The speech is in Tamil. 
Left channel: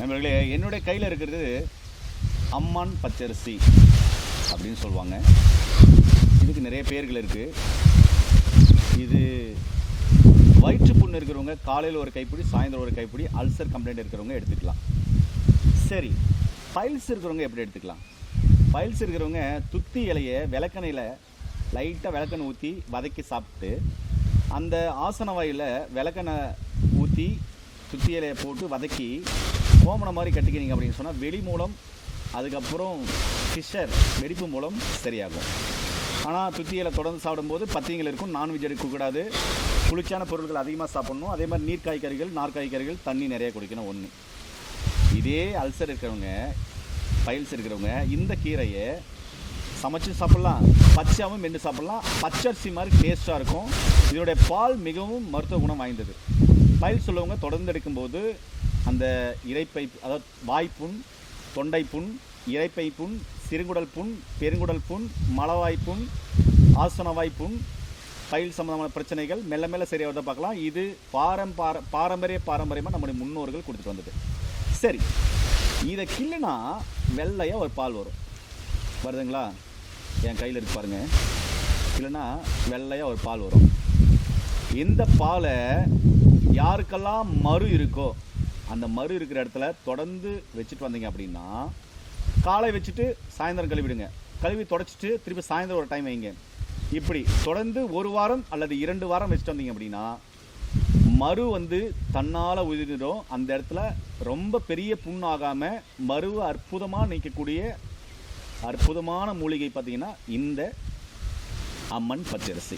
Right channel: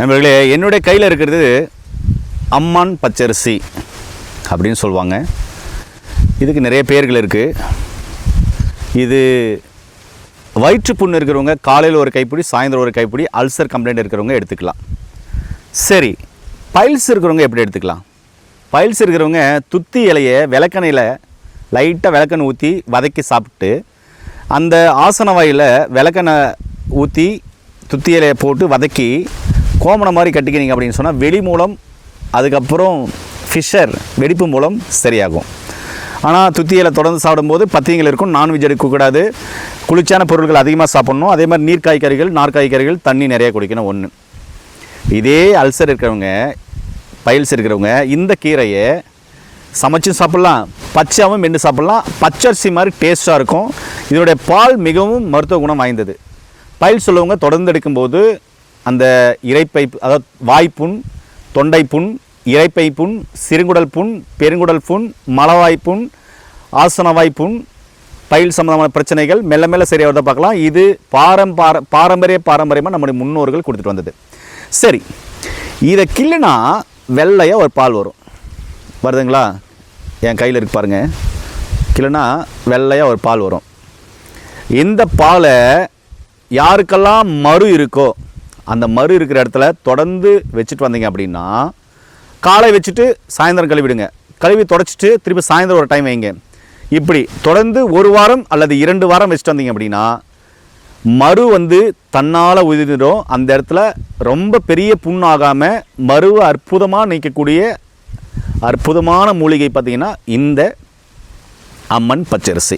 நண்பர்களே, என்னுடைய கையில் இருக்கிறது அம்மான் பச்சரிசி அப்படின்னு சொல்லுவாங்க. இதுக்கு நிறைய பேர்கள் இருக்குது. இது வயிற்று புண்ணு இருக்கிறவங்க காலையில் ஒரு கைப்பிடி, சாயந்தரம் ஒரு கைப்பிடி, அல்சர் கம்ப்ளைண்ட் இருக்கிறவங்க எடுத்துக்கலாம். சரி, பைல்ஸ் இருக்கிறவங்க எப்படி எடுத்துக்கலாம்? பைல்ஸ் இருக்கிறவங்க துத்தி இலையை விளக்கெண்ணையில் லைட்டாக விளக்கெண்ணெய் ஊற்றி வதக்கி சாப்பிட்டு, அந்த ஆசன வாயில் விளக்கெண்ணெய் ஊற்றி துத்தி இலையை போட்டு வதக்கி கோமணம் மாதிரி கட்டிக்கினீங்க அப்படின்னு சொன்னால் வெளி மூலம், அதுக்கப்புறம் ஃபிஷர் வெடிப்பு மூலம் சரியாகும். ஆனால் துத்தியில் தொடர்ந்து சாப்பிடும்போது பத்தியங்கள் இருக்கும். நான்வெஜ் எடுக்கக்கூடாது, குளிர்ச்சியான பொருட்கள் அதிகமாக சாப்பிட்ணும். அதே மாதிரி நீர்க்காய்கறிகள், நார்க்காய்கறிகள், தண்ணி நிறைய குடிக்கணும். ஒன்று, இதே அல்சர் இருக்கிறவங்க, பைல்ஸ் இருக்கிறவங்க இந்த கீரையை சமைச்சும் சாப்பிட்லாம், பச்சையாகவும் மென்று சாப்பிட்லாம். பச்சரிசி மாதிரி டேஸ்ட்டாக இருக்கும். இதனுடைய பால் மிகவும் மருத்துவ குணம் வாய்ந்தது. பைல்ஸ் உள்ளவங்க தொடர்ந்து எடுக்கும்போது அந்த இரைப்பை, அதாவது வாய்ப்புண், தொண்டை புண், இரைப்பை புண், சிறுங்குடல் புண், பெருங்குடல் புண், மலவாய்ப்புண், ஆசனவாய்ப்புண், பைல் சம்பந்தமான பிரச்சனைகள் மெல்ல மெல்ல சரியாகிறத பார்க்கலாம். இது பாரம்பரியமாக நம்முடைய முன்னோர்கள் கொடுத்துட்டு வந்தது. சரி, இதை கிள்ளுனா வெள்ளையாக ஒரு பால் வரும். வருதுங்களா? என் கையில் இருக்கு பாருங்கள். கிள்ளுனா வெள்ளையாக ஒரு பால் வரும். இந்த பாலை யாருக்கெல்லாம் மறு இருக்கோ அந்த மறு இருக்கிற இடத்துல தொடர்ந்து வச்சுட்டு வந்தீங்க அப்படின்னா, காலை வச்சுட்டு சாயந்தரம் கழுவிடுங்க, கழுவி தொடச்சிட்டு திருப்பி சாயந்தரம் ஒரு டைம் வைங்க. இப்படி தொடர்ந்து ஒரு வாரம் அல்லது 2 வாரம் வச்சுட்டு வந்தீங்க அப்படின்னா மறு தன்னால் உதிர்ந்துடும். அந்த இடத்துல ரொம்ப பெரிய புண்ணாகாமல் மருவை அற்புதமாக நீக்கக்கூடிய அற்புதமான மூலிகை பார்த்திங்கன்னா இந்த அம்மன் பச்சரிசி.